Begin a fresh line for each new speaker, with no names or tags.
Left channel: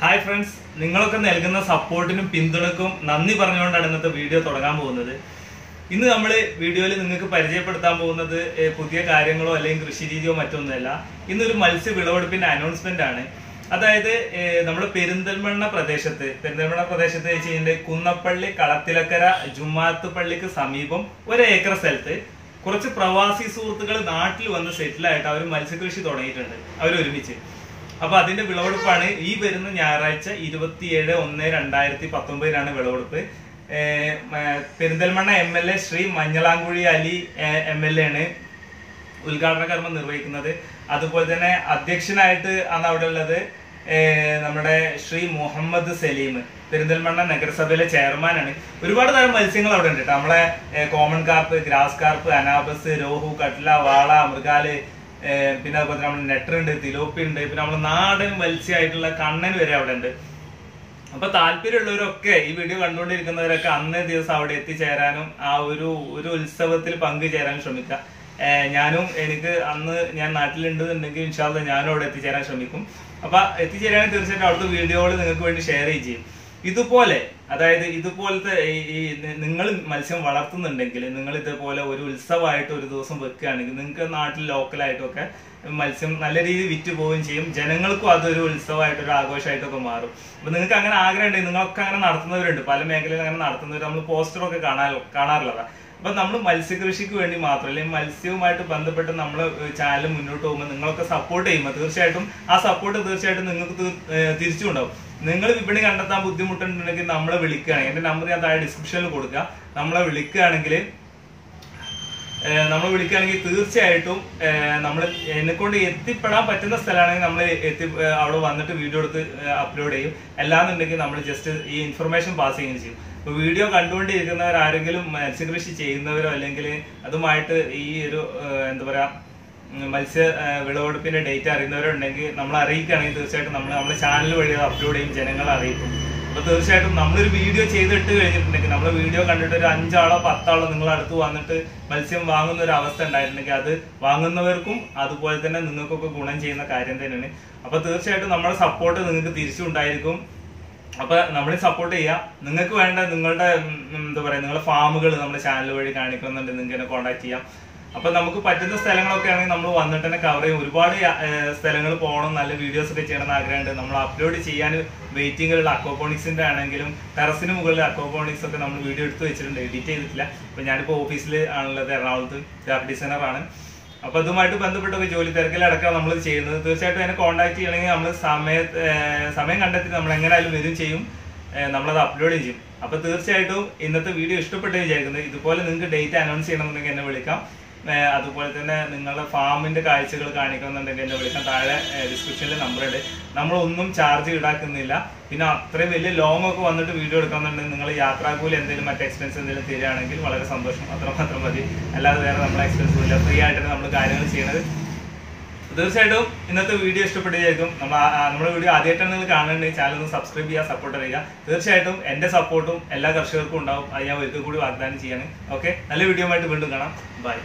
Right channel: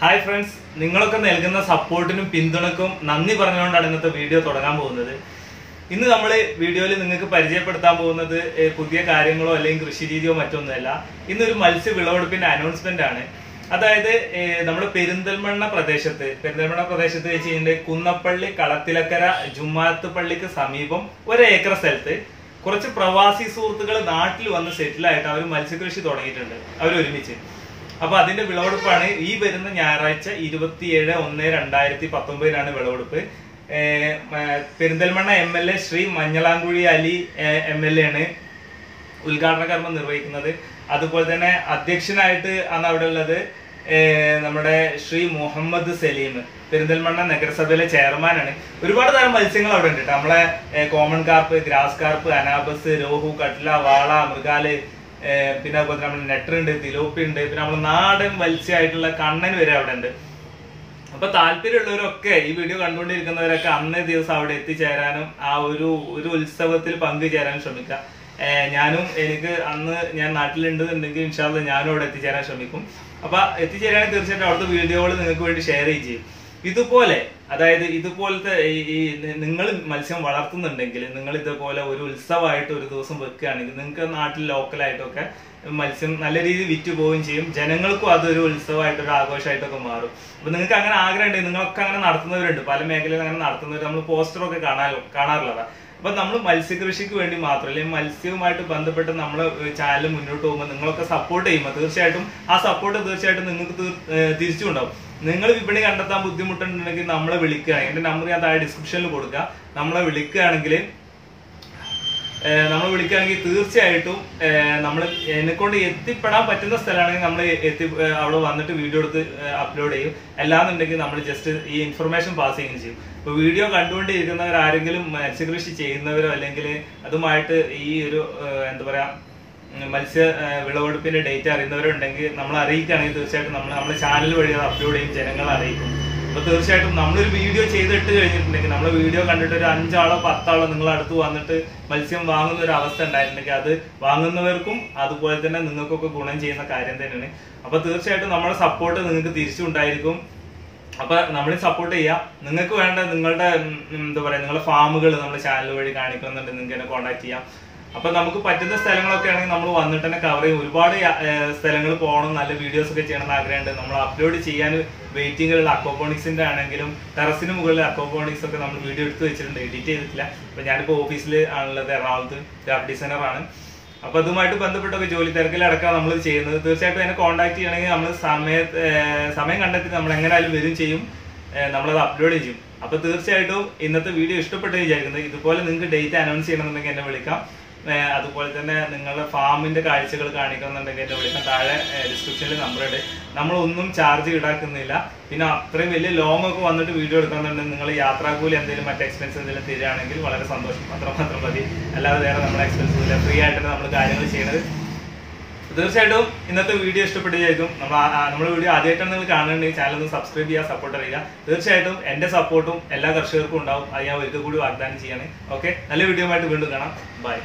Hi friends നിങ്ങളൊക്കെ നൽകുന്ന സപ്പോർട്ടിനും പിന്തുണക്കും നന്ദി പറഞ്ഞുകൊണ്ടാണ് ഇന്നത്തെ വീഡിയോ തുടങ്ങാൻ പോകുന്നത്. ഇന്ന് നമ്മൾ വീഡിയോയിൽ നിങ്ങൾക്ക് പരിചയപ്പെടുത്താൻ പോകുന്നത് പുതിയ കാര്യങ്ങളോ അല്ലെങ്കിൽ കൃഷി രീതിയോ മറ്റൊന്നുമല്ല. ഇന്നൊരു മത്സ്യ വിളവെടുപ്പിന്റെ അനൗൺസ്മെന്റ് ആണ്. അതായത് നമ്മൾ പെരിന്തൽമണ്ണ പ്രദേശത്ത് പെരിന്തൽമണ്ണ പ്രദേശത്ത് വെച്ച് കഴിഞ്ഞാൽ കുന്നപ്പള്ളി കളത്തിലക്കര ജുമാത്ത് പള്ളിക്ക് സമീപം ഒരു ഏക്കർ സ്ഥലത്ത് കുറച്ച് പ്രവാസി സുഹൃത്തുക്കൾ നാട്ടിൽ വന്ന് സെറ്റിലായിട്ട് അവർ മത്സ്യകൃഷി തുടങ്ങിയിട്ടുണ്ട്. അവർ ഒരുമിച്ച് അപ്പൊ അതിന്റെ വിളവെടുപ്പാണ് ഈ വരുന്ന ഞായറാഴ്ച ഇരുപത്തിയേഴ് ഒന്ന് രണ്ടായിരത്തി പത്തൊമ്പതിനാണ് വിളവെടുപ്പ് Perinthalmanna M L A Shri Manjalamkuzhi Ali M L A ആണ് ഉദ്ഘാടന കർമ്മം നിർവഹിക്കുന്നത്. അതുപോലെ തന്നെ അധ്യക്ഷനായിട്ട് ആണ് അവിടെ ഉള്ളത് നമ്മുടെ ശ്രീ മുഹമ്മദ് സലീം പെരിന്തൽമണ്ണ നഗരസഭയിലെ ചെയർമാനാണ് ഒരുപാട് തരം മത്സ്യങ്ങൾ അവിടെ ഉണ്ട് കേട്ടോ. നമ്മളെ common carp grass carp anabas rohu catla വാള മൃഗാൽ പിന്നെ അതുപോലെ നമ്മൾ നെട്ടർ ഉണ്ട് തിലോപ്പി ഉണ്ട് പിന്നെ നമ്മൾ നാടൻ മത്സ്യമായിട്ടുള്ള കണ്ണൻ വരെ അവിടെ ഉണ്ട് അപ്പൊ താല്പര്യമുള്ളവരൊക്കെ ഈ വീഡിയോ കണ്ടുകൊണ്ടിരിക്കുന്നവരൊക്കെ അന്നേ ദിവസം അവിടെ എത്തിച്ചേരാനും ആ ഒരു ഒരു ഉത്സവത്തിൽ പങ്കുചേരാനും ശ്രമിക്കുക. ഞാനും എനിക്ക് അന്ന് ഞാൻ നാട്ടിലുണ്ടെന്നുണ്ടെങ്കിൽ ഇൻഷാല്ല ഞാനും അവിടെ എത്തിച്ചേരാൻ ശ്രമിക്കും. അപ്പൊ എത്തിച്ചേരാൻ തീർച്ചയായിട്ടും അവിടുത്തെ വീഡിയോകൾ നിങ്ങൾക്ക് വേണ്ടി ഷെയർ ചെയ്യും. ഇതുപോലെ അതായത് ഇതുപോലത്തെ ഈ- നിങ്ങൾ മത്സ്യം വളർത്തുന്നുണ്ടെങ്കിൽ നിങ്ങൾ ഇതുപോലെ ഒരു ഉത്സവമായിട്ട് ഒരു ദിവസം വെക്കുകയാണെങ്കിൽ നിങ്ങൾക്ക് നാട്ടിൽ ലോക്കലായിട്ടൊക്കെ മത്സ്യം നല്ല രീതിയിൽ വിറ്റ് പോവുകയും ചെയ്യും. ജനങ്ങൾക്കും അതൊരു ഉത്സവമായിട്ട് ഒരു ആഘോഷമായിട്ടൊക്കെ മാറും. അപ്പൊ നിങ്ങൾക്ക് അങ്ങനെ ആഗ്രഹം ഉണ്ടെങ്കിൽ നിങ്ങളൊക്കെ അങ്ങനെ നടത്തുന്നവരുണ്ട്. പല മേഖലയിൽ അങ്ങനെ നടത്തുന്നവർ നമ്മൾ പോസ്റ്ററൊക്കെ കാണാ കാണാറുള്ളതാണ് അപ്പൊ നമ്മൾ മത്സ്യകൃഷിക്ക് വേണ്ടി മാത്രം അല്ലെങ്കിൽ മത്സ്യവുമായിട്ട് ബന്ധപ്പെട്ട് നമ്മൾ ചാനൽ മുന്നോട്ട് പോകുമ്പോൾ നിങ്ങളൊക്കെ സപ്പോർട്ട് ചെയ്യുമ്പോൾ തീർച്ചയായിട്ടും ആ സപ്പോർട്ട് തീർച്ചയായിട്ടും നിങ്ങൾക്ക് തിരിച്ചുണ്ടാവും. നിങ്ങൾ വിപണി കണ്ടെത്താൻ ബുദ്ധിമുട്ടുണ്ടെങ്കിൽ നമ്മളെ വിളിക്കുകയാണെങ്കിൽ എന്റെ നമ്പർ ഞാൻ താഴെ ഡിസ്ക്രിപ്ഷനിൽ കൊടുക്കുക നമ്മളെ വിളിക്കുകയാണെങ്കിൽ നമ്മൾ വിളിക്കുകയാണെങ്കിൽ തീർച്ചയായിട്ടും നമ്മൾ എന്നെ കൊണ്ട് എത്തിപ്പെടാൻ പറ്റുന്ന സ്ഥലമാണെങ്കിൽ നമ്മൾ എത്തി അവിടെ വന്നിട്ട് വീഡിയോ എടുത്ത് അപ്ലോഡ് ചെയ്യും. അല്ലാന്നുണ്ടെങ്കിൽ നമ്മൾ ജസ്റ്റ് ഈ ഇൻഫർമേഷൻ പാസ് ചെയ്യുകയും ചെയ്യും. ഇപ്പൊ വീഡിയോ കണ്ടുകൊണ്ടിരിക്കുന്നവർ ആരെങ്കിലും മത്സ്യകൃഷി ചെയ്യുന്നവരോ അല്ലെങ്കിൽ അതുമായിട്ട് ഈ ഒരു എന്താ പറയാ മത്സ്യ വിളവെടുപ്പിന്റെ ഡേറ്റ് അറിയുന്നവരുണ്ടെങ്കിൽ നമ്മൾ അറിയിക്കുകയാണെങ്കിൽ തീർച്ചയായിട്ടും നമ്മൾ നമ്മുടെ ചാനൽ വഴി അത് അപ്ലോഡ് ചെയ്യും ജനങ്ങളെ അറിയിക്കും. അപ്പൊ തീർച്ചയായിട്ടും നമ്മളൊരു വീഡിയോ ചെയ്തിട്ട് കഴിഞ്ഞിട്ടുണ്ടെങ്കിൽ നമ്മളെ വീഡിയോ കണ്ടിട്ട് ഒരു അഞ്ചാളോ പത്താളോ നിങ്ങൾ അടുത്ത് വന്നിട്ട് മത്സ്യം വാങ്ങുന്ന ഒരു അവസ്ഥ ഉണ്ടായിട്ടുണ്ടെങ്കിൽ അത് വാങ്ങുന്നവർക്കും അതുപോലെ തന്നെ നിങ്ങൾക്കൊക്കെ ഗുണം ചെയ്യുന്ന കാര്യം തന്നെയാണ്. അപ്പൊ തീർച്ചയായിട്ടും നമ്മുടെ സപ്പോർട്ട് നിങ്ങൾക്ക് തിരിച്ചുണ്ടായിരിക്കും. അപ്പൊ നമ്മൾ സപ്പോർട്ട് ചെയ്യാം നിങ്ങൾക്ക് വേണ്ട നിങ്ങളുടെ എന്താ പറയാ നിങ്ങളുടെ ഫാമുകൾ നമ്മുടെ ചാനൽ വഴി കാണിക്കുന്നുണ്ട് നിങ്ങൾക്ക് എന്നെ കോൺടാക്ട് ചെയ്യാം. അപ്പൊ നമുക്ക് പറ്റുന്ന സ്ഥലങ്ങളൊക്കെ ആണെങ്കിൽ നമ്മൾ വന്നിട്ട് തന്നെ കവർ ചെയ്യും. ഒരുപാട് സ്ഥലങ്ങൾ പോകണം നല്ല വീഡിയോസ് ഒക്കെ ചെയ്യണം ആഗ്രഹമുണ്ട്. നമ്മൾ അപ്ലോഡ് ചെയ്യാൻ വെയിറ്റിംഗിലുള്ള അക്കോപോണിക്സിന്റെ ആണെങ്കിലും ടെറസിന് മുകളിൽ അക്കോപോണിക്സ് ഒക്കെ നമ്മൾ വീഡിയോ എടുത്ത് വെച്ചിട്ടുണ്ട്. എഡിറ്റ് ചെയ്തിട്ടില്ല. അപ്പൊ ഞാനിപ്പോ ഓഫീസിൽ ആണുള്ളത് എറണാകുളത്ത് ഗ്രാഫിക് ഡിസൈനർ ആണ്. അപ്പൊ അതുമായിട്ട് ബന്ധപ്പെട്ടൊക്കെ ജോലി തിരക്കിലടക്കം നമ്മൾ ചെയ്യുന്നത്. തീർച്ചയായിട്ടും എന്നെ കോൺടാക്ട് ചെയ്യണമെങ്കിൽ നമ്മൾ സമയ സമയം കണ്ടെത്തി നമ്മൾ എങ്ങനെയായാലും വരും ചെയ്യും. നമ്മളത് അപ്ലോഡ് ചെയ്യും. അപ്പൊ തീർച്ചയായിട്ടും ഇന്നത്തെ വീഡിയോ ഇഷ്ടപ്പെട്ടു വിചാരിക്കുന്നത് ഇതുപോലെ നിങ്ങൾക്ക് ഡേറ്റ് അനൗൺസ് ചെയ്യണമെന്നുണ്ടെങ്കിൽ എന്നെ വിളിക്കാം. അതുപോലെ തന്നെ നിങ്ങളുടെ ഫാമിന്റെ കാഴ്ചകൾ കാണിക്കണമെന്നുണ്ടെങ്കിൽ എന്നെ വിളിക്കാൻ താഴെ ഡിസ്ക്രിപ്ഷനിൽ നമ്പർ ഉണ്ട് നമ്മളൊന്നും ചാർജ് ഈടാക്കുന്നില്ല. പിന്നെ അത്രയും വലിയ ലോങ് ഒക്കെ വന്നിട്ട് വീഡിയോ എടുക്കുന്നുണ്ടെങ്കിൽ നിങ്ങൾ യാത്രാക്കൂലി എന്തെങ്കിലും മറ്റു എക്സ്പെൻസ് എന്തെങ്കിലും തരികയാണെങ്കിൽ വളരെ സന്തോഷം. അത്രമാത്രം മതി. അല്ലാതെ വേറെ നമ്മളെ എക്സ്പെൻസ് ഇല്ല ഫ്രീ ആയിട്ടാണ് നമ്മൾ കാര്യങ്ങൾ ചെയ്യുന്നത് തീർച്ചയായിട്ടും ഇന്നത്തെ വീഡിയോ ഇഷ്ടപ്പെട്ടിരിക്കും. നമ്മൾ നമ്മുടെ വീഡിയോ ആദ്യമായിട്ടാണ് നിങ്ങൾ കാണുന്നുണ്ടെങ്കിൽ ചാനൽ ഒന്ന് സബ്സ്ക്രൈബ് ചെയ്യുക സപ്പോർട്ട് ചെയ്യുക തീർച്ചയായിട്ടും എന്റെ സപ്പോർട്ടും എല്ലാ കർഷകർക്കും ഉണ്ടാവും. അത് ഞാൻ ഒരിക്കൽ കൂടി വാഗ്ദാനം ചെയ്യാണ്. ഓക്കെ നല്ല വീഡിയോ ആയിട്ട് വീണ്ടും കാണാം. ബൈ